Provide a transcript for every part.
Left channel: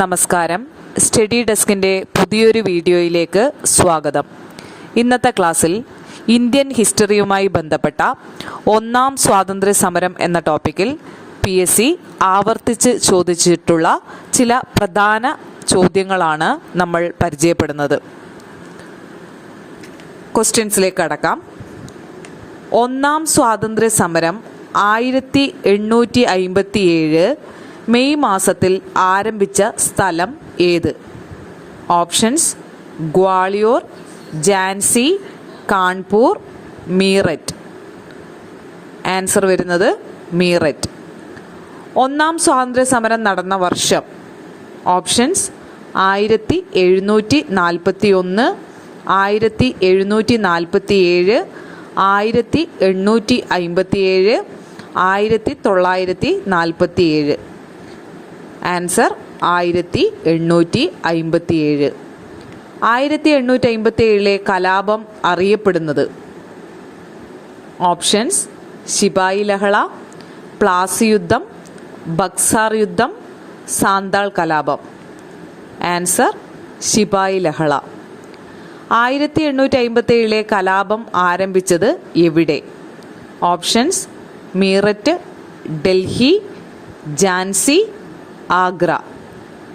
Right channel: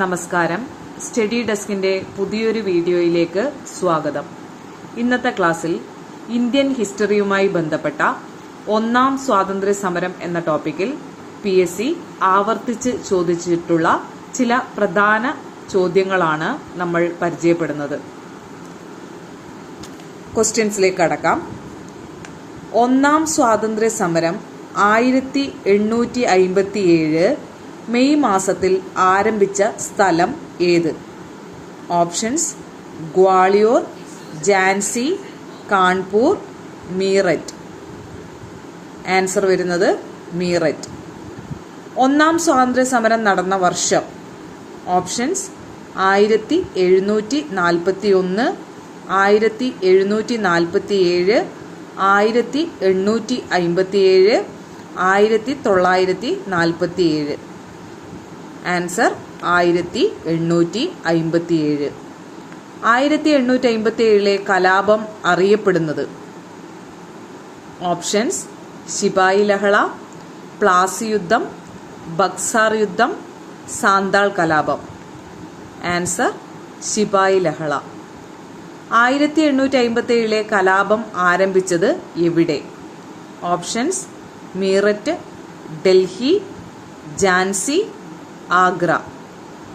നമസ്കാരം. സ്റ്റഡി ഡെസ്കിന്റെ പുതിയൊരു വീഡിയോയിലേക്ക് സ്വാഗതം. ഇന്നത്തെ ക്ലാസ്സിൽ ഇന്ത്യൻ ഹിസ്റ്ററിയുമായി ബന്ധപ്പെട്ട ഒന്നാം സ്വാതന്ത്ര്യ സമരം എന്ന ടോപ്പിക്കിൽ പി എസ് സി ആവർത്തിച്ച് ചോദിച്ചിട്ടുള്ള ചില പ്രധാന ചോദ്യങ്ങളാണ് നമ്മൾ പരിചയപ്പെടുന്നത്. ക്വസ്റ്റ്യൻസിലേക്ക് കടക്കാം. ഒന്നാം സ്വാതന്ത്ര്യ സമരം ആയിരത്തി എണ്ണൂറ്റി അയിമ്പത്തി ഏഴ് മെയ് മാസത്തിൽ ആരംഭിച്ച സ്ഥലം ഏത്? ഓപ്ഷൻസ് ഗ്വാളിയോർ ജാൻസി കാൺപൂർ മീററ്റ്. ആൻസർ വരുന്നത് മീററ്റ്. ഒന്നാം സ്വാതന്ത്ര്യ സമരം നടന്ന വർഷം. ഓപ്ഷൻസ് ആയിരത്തി എഴുന്നൂറ്റി നാൽപ്പത്തി ഒന്ന് ആയിരത്തി എഴുന്നൂറ്റി നാൽപ്പത്തി ഏഴ് ആയിരത്തി എണ്ണൂറ്റി അയിമ്പത്തി ഏഴ് ആയിരത്തി തൊള്ളായിരത്തി നാൽപ്പത്തി ഏഴ് ആൻസർ ആയിരത്തി എണ്ണൂറ്റി അയിമ്പത്തിയേഴ്. ആയിരത്തി എണ്ണൂറ്റി അയിമ്പത്തിയേഴിലെ കലാപം അറിയപ്പെടുന്നത്. ഓപ്ഷൻസ് ശിപായി ലഹള പ്ലാസി യുദ്ധം ബക്സാർ യുദ്ധം സാന്താൾ കലാപം. ആൻസർ ശിപായി ലഹള. ആയിരത്തി എണ്ണൂറ്റി അയിമ്പത്തി ഏഴിലെ കലാപം ആരംഭിച്ചത് എവിടെ? ഓപ്ഷൻസ് മീററ്റ് ഡൽഹി ജാൻസി ആഗ്ര.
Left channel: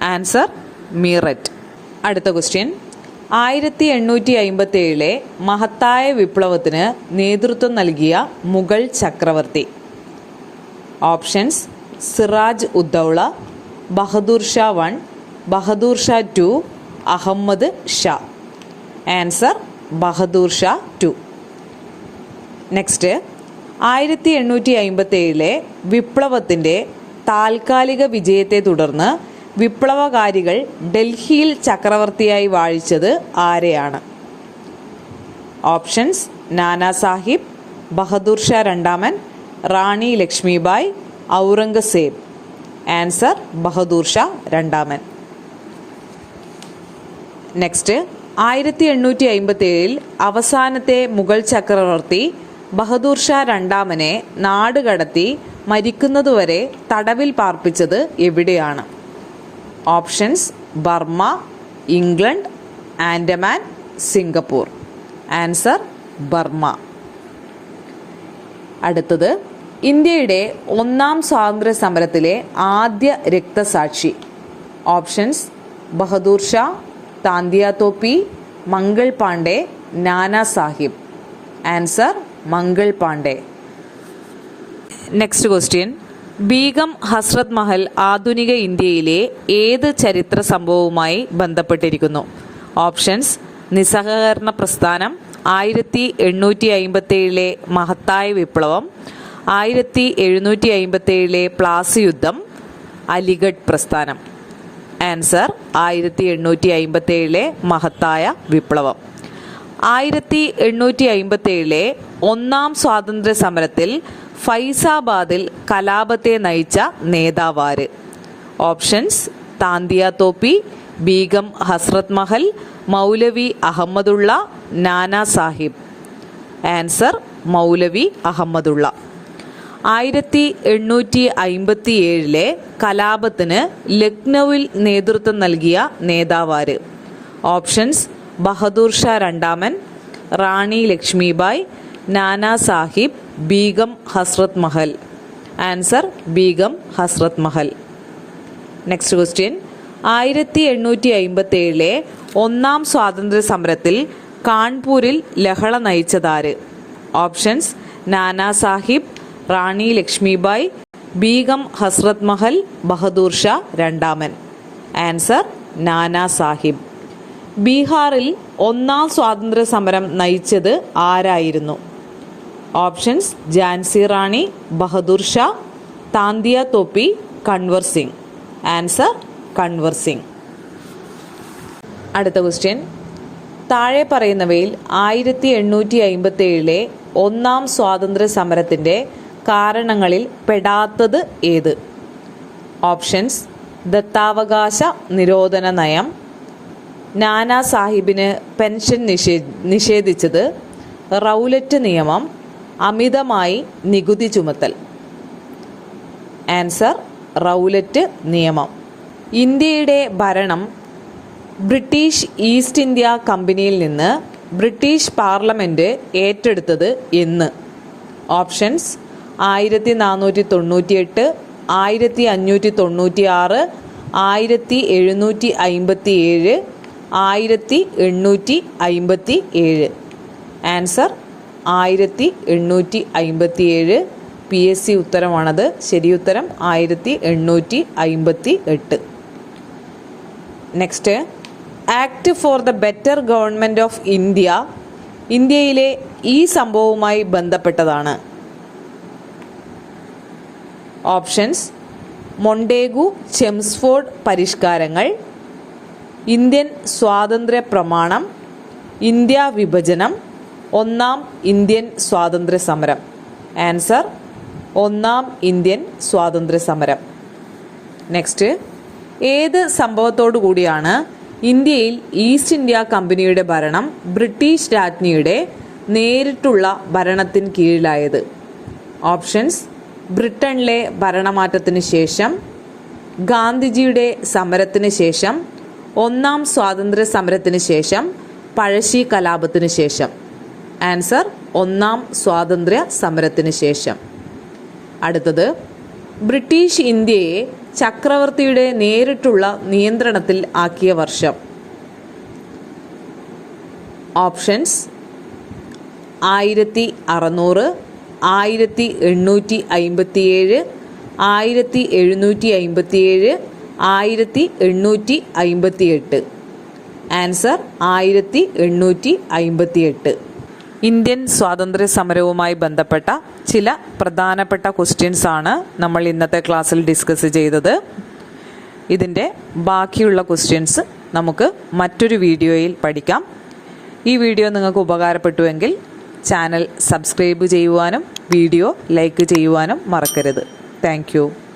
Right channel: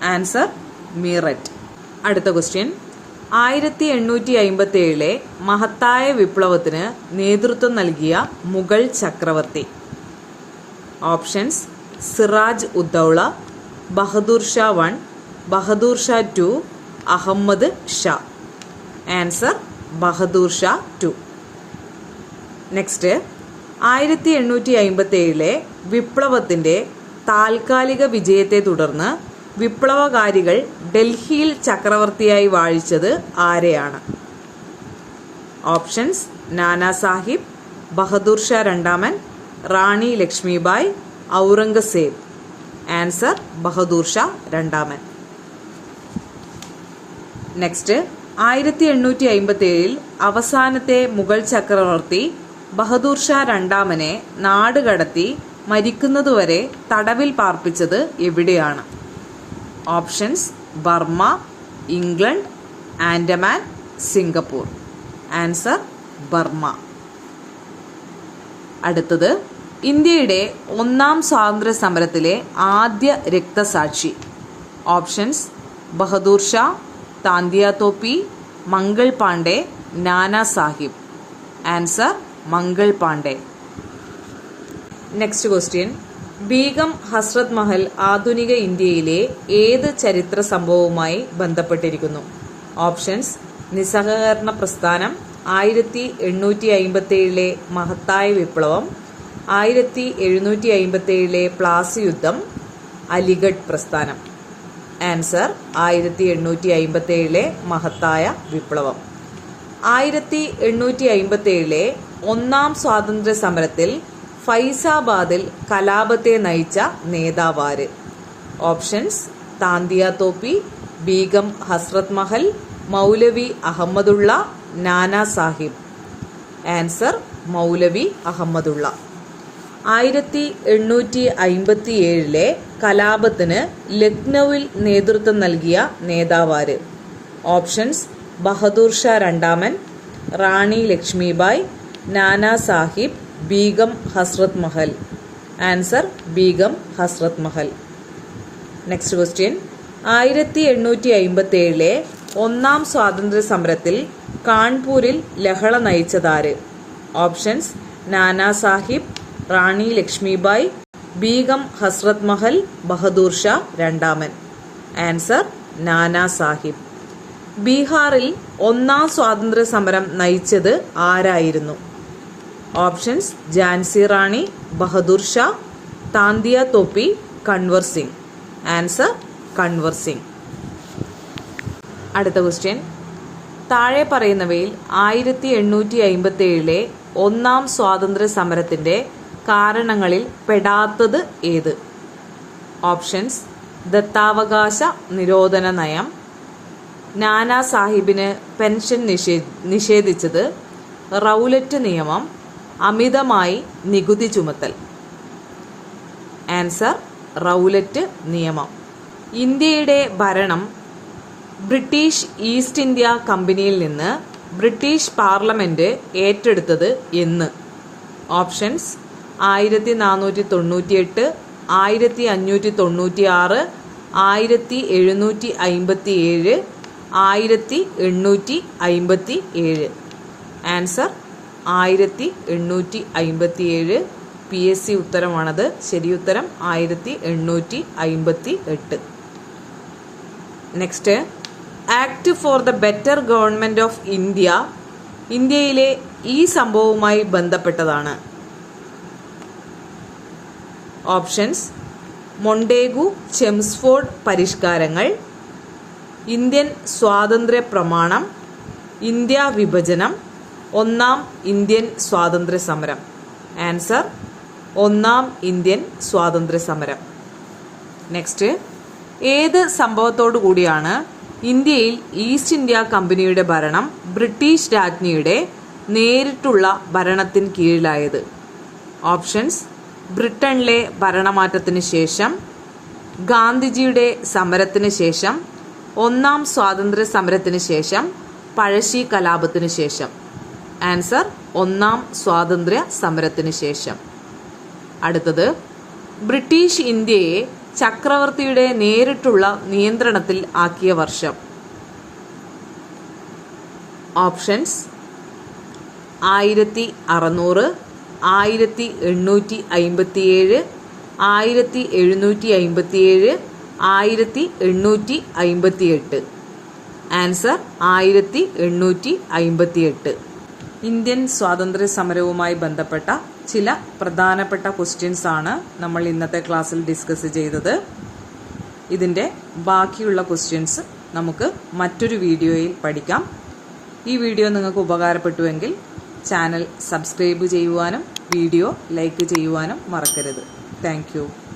ആൻസർ മീററ്റ്. അടുത്ത ക്വസ്റ്റ്യൻ. ആയിരത്തി എണ്ണൂറ്റി അയിമ്പത്തി ഏഴിലെ മഹത്തായ വിപ്ലവത്തിന് നേതൃത്വം നൽകിയ മുഗൾ ചക്രവർത്തി. Options Siraj Uddaula Bahadur Shah one Bahadur Shah two Ahmad Shah. Answer Bahadur Shah two. Next ആയിരത്തി എണ്ണൂറ്റി അയിമ്പത്തി ഏഴിലെ വിപ്ലവത്തിന്റെ താൽക്കാലിക വിജയത്തെ തുടർന്ന് വിപ്ലവകാരികൾ ഡൽഹിയിൽ ചക്രവർത്തിയായി വാഴിച്ചത് ആരെയാണ്? ഓപ്ഷൻസ് നാനാ സാഹിബ് ബഹദൂർ ഷാ രണ്ടാമൻ റാണി ലക്ഷ്മിബായ് ഔറംഗസേബ്. ആൻസർ ബഹദൂർ ഷാ രണ്ടാമൻ. നെക്സ്റ്റ് ആയിരത്തി എണ്ണൂറ്റി അയിമ്പത്തി ഏഴിൽ അവസാനത്തെ മുഗൾ ചക്രവർത്തി ബഹദൂർ ഷാ രണ്ടാമനെ നാടുകടത്തി മരിക്കുന്നതുവരെ തടവിൽ പാർപ്പിച്ചത് എവിടെയാണ്? Options Burma England Andaman Singapore. Answer Burma. അടുത്തത് ഇന്ത്യയുടെ ഒന്നാം സ്വാതന്ത്ര്യ സമരത്തിലെ ആദ്യ രക്തസാക്ഷി. Options Bahadur Shah Tantia Tope Mangal Pandey Nana Sahib. Answer Mangal Pandey. Next question Begum Hazrat Mahal ആധുനിക ഇന്ത്യയിലെ ഏത് ചരിത്ര സംഭവവുമായി ബന്ധപ്പെട്ടിരിക്കുന്നു? ഓപ്ഷൻസ് നിസ്സഹകരണ പ്രസ്ഥാനം ആയിരത്തി എണ്ണൂറ്റി അയിമ്പത്തേഴിലെ മഹത്തായ വിപ്ലവം ആയിരത്തി എഴുന്നൂറ്റി അയിമ്പത്തേഴിലെ പ്ലാസി യുദ്ധം അലിഗഡ് പ്രസ്ഥാനം. ആൻസർ ആയിരത്തി എണ്ണൂറ്റി അയിമ്പത്തേഴിലെ മഹത്തായ വിപ്ലവം. ആയിരത്തി എണ്ണൂറ്റി അയിമ്പത്തി ഏഴിലെ ഒന്നാം സ്വാതന്ത്ര്യ സമരത്തിൽ ഫൈസാബാദിൽ കലാപത്തെ നയിച്ച നേതാവാര്. ഓപ്ഷൻസ് താന്തിയ തോപ്പി ബീഗം ഹസ്രത് മഹൽ മൗലവി അഹമ്മദുള്ള നാനാ സാഹിബ്. ആൻസർ മൗലവി അഹമ്മദുള്ള. ആയിരത്തി എണ്ണൂറ്റി അയിമ്പത്തി ഏഴിലെ കലാപത്തിന് ലക്നൌവിൽ നേതൃത്വം നൽകിയ നേതാവാര്. ഓപ്ഷൻസ് ബഹദൂർ ഷാ രണ്ടാമൻ Rani Lakshmibai Nana Sahib Begum Hazrat Mahal. Answer Begum Hazrat Mahal. Next question ആയിരത്തി എണ്ണൂറ്റി അയിമ്പത്തി ഏഴിലെ ഒന്നാം സ്വാതന്ത്ര്യ സമരത്തിൽ കാൺപൂരിൽ ലഹള നയിച്ചതാര്? ഓപ്ഷൻസ് നാനാ സാഹിബ് റാണി ലക്ഷ്മിബായ് ബീഗം ഹസ്രത് മഹൽ ബഹദൂർ ഷാ രണ്ടാമൻ. ആൻസർ നാനാ സാഹിബ്. ബീഹാറിൽ ഒന്നാം സ്വാതന്ത്ര്യ സമരം നയിച്ചത് ആരായിരുന്നു? ഓപ്ഷൻസ് ജാൻസി റാണി ബഹദൂർ ഷാ താന്തിയ തോപ്പി കൺവർ സിംഗ്. ആൻസർ കൺവർ സിംഗ്. അടുത്ത ക്വസ്റ്റ്യൻ. താഴെ പറയുന്നവയിൽ ആയിരത്തി എണ്ണൂറ്റി അയിമ്പത്തി ഏഴിലെ ഒന്നാം സ്വാതന്ത്ര്യ സമരത്തിന്റെ കാരണങ്ങളിൽ പെടാത്തത് ഏത്? ഓപ്ഷൻസ് ദത്താവകാശ നിരോധന നയം നാനാ സാഹിബിന് പെൻഷൻ നിഷേ നിഷേധിച്ചത് റൗലറ്റ് നിയമം അമിതമായി നികുതി ചുമത്തൽ. ആൻസർ റൗലറ്റ് നിയമം. ഇന്ത്യയുടെ ഭരണം ബ്രിട്ടീഷ് ഈസ്റ്റ് ഇന്ത്യ കമ്പനിയിൽ നിന്ന് ബ്രിട്ടീഷ് പാർലമെന്റ് ഏറ്റെടുത്തത് എന്ന്. ഓപ്ഷൻസ് ആയിരത്തി നാനൂറ്റി തൊണ്ണൂറ്റിയെട്ട് ആയിരത്തി അഞ്ഞൂറ്റി തൊണ്ണൂറ്റി ആറ് ആയിരത്തി എഴുന്നൂറ്റി അയിമ്പത്തി ഏഴ് ആയിരത്തി എണ്ണൂറ്റി അയിമ്പത്തി ഏഴ് ആൻസർ ആയിരത്തി എണ്ണൂറ്റി അയിമ്പത്തി ഏഴ് പി എസ് സി ഉത്തരമാണത്. ശരിയുത്തരം ആയിരത്തി എണ്ണൂറ്റി അയിമ്പത്തി എട്ട് next act for the better government of India ഇന്ത്യയിലെ ഈ സംഭവവുമായി ബന്ധപ്പെട്ടതാണ്. ഓപ്ഷൻസ് മൊണ്ടേഗു ചെംസ്ഫോർഡ് പരിഷ്കാരങ്ങൾ ഇന്ത്യൻ സ്വാതന്ത്ര്യ പ്രമാണം ഇന്ത്യ വിഭജനം ഒന്നാം ഇന്ത്യൻ സ്വാതന്ത്ര്യ സമരം ആൻസർ ഒന്നാം ഇന്ത്യൻ സ്വാതന്ത്ര്യ സമരം നെക്സ്റ്റ് ഏത് സംഭവത്തോടു കൂടിയാണ് ഇന്ത്യയിൽ ഈസ്റ്റ് ഇന്ത്യ കമ്പനിയുടെ ഭരണം ബ്രിട്ടീഷ് രാജ്ഞിയുടെ നേരിട്ടുള്ള ഭരണത്തിന് കീഴിലായത്? ഓപ്ഷൻസ് ബ്രിട്ടനിലെ ഭരണമാറ്റത്തിന് ശേഷം ഗാന്ധിജിയുടെ സമരത്തിന് ശേഷം ഒന്നാം സ്വാതന്ത്ര്യ സമരത്തിന് ശേഷം പഴശ്ശി കലാപത്തിന് ശേഷം. ആൻസർ ഒന്നാം സ്വാതന്ത്ര്യ സമരത്തിന് ശേഷം. അടുത്തത് ബ്രിട്ടീഷ് ഇന്ത്യയെ ചക്രവർത്തിയുടെ നേരിട്ടുള്ള നിയന്ത്രണത്തിൽ ആക്കിയ വർഷം. ഓപ്ഷൻസ് ആയിരത്തി അറുന്നൂറ് ആയിരത്തി എണ്ണൂറ്റി അയിമ്പത്തിയേഴ് ആയിരത്തി എഴുന്നൂറ്റി അയിമ്പത്തിയേഴ് ആയിരത്തി എണ്ണൂറ്റി അയിമ്പത്തി എട്ട് ആൻസർ ആയിരത്തി എണ്ണൂറ്റി അയിമ്പത്തി എട്ട് ഇന്ത്യൻ സ്വാതന്ത്ര്യ സമരവുമായി ബന്ധപ്പെട്ട ചില പ്രധാനപ്പെട്ട ക്വസ്റ്റ്യൻസ് ആണ് നമ്മൾ ഇന്നത്തെ ക്ലാസ്സിൽ ഡിസ്കസ് ചെയ്തത്. ഇതിന്റെ ബാക്കിയുള്ള ക്വസ്റ്റ്യൻസ് നമുക്ക് മറ്റൊരു വീഡിയോയിൽ പഠിക്കാം. ഈ വീഡിയോ നിങ്ങൾക്ക് ഉപകാരപ്പെട്ടുവെങ്കിൽ ചാനൽ സബ്സ്ക്രൈബ് ചെയ്യുവാനും വീഡിയോ ലൈക്ക് ചെയ്യുവാനും മറക്കരുത്. താങ്ക്